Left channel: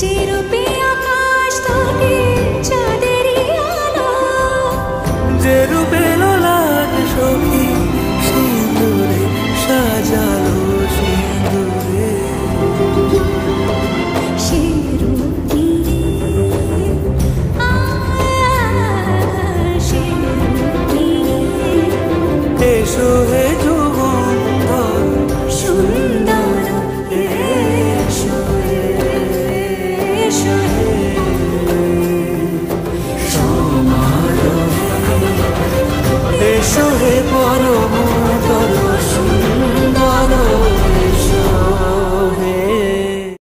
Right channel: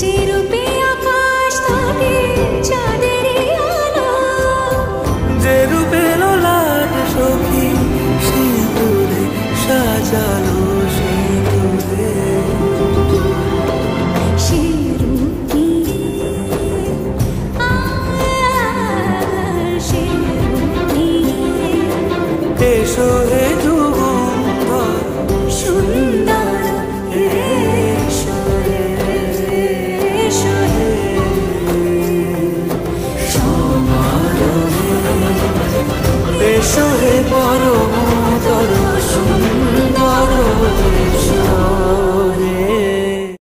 যে রূপে আকাশ তটে চাঁদেরই আলো, যে রূপে ললাট সখী সিঁদুরে সাজালো সিঁদুরে। সে রূপ নিয়ে সে রূপ নিয়ে এসো হে যুগন্ধর সুন্দর এসো এসো হে সমারোহে। এসো হে পরমতর সুন্দর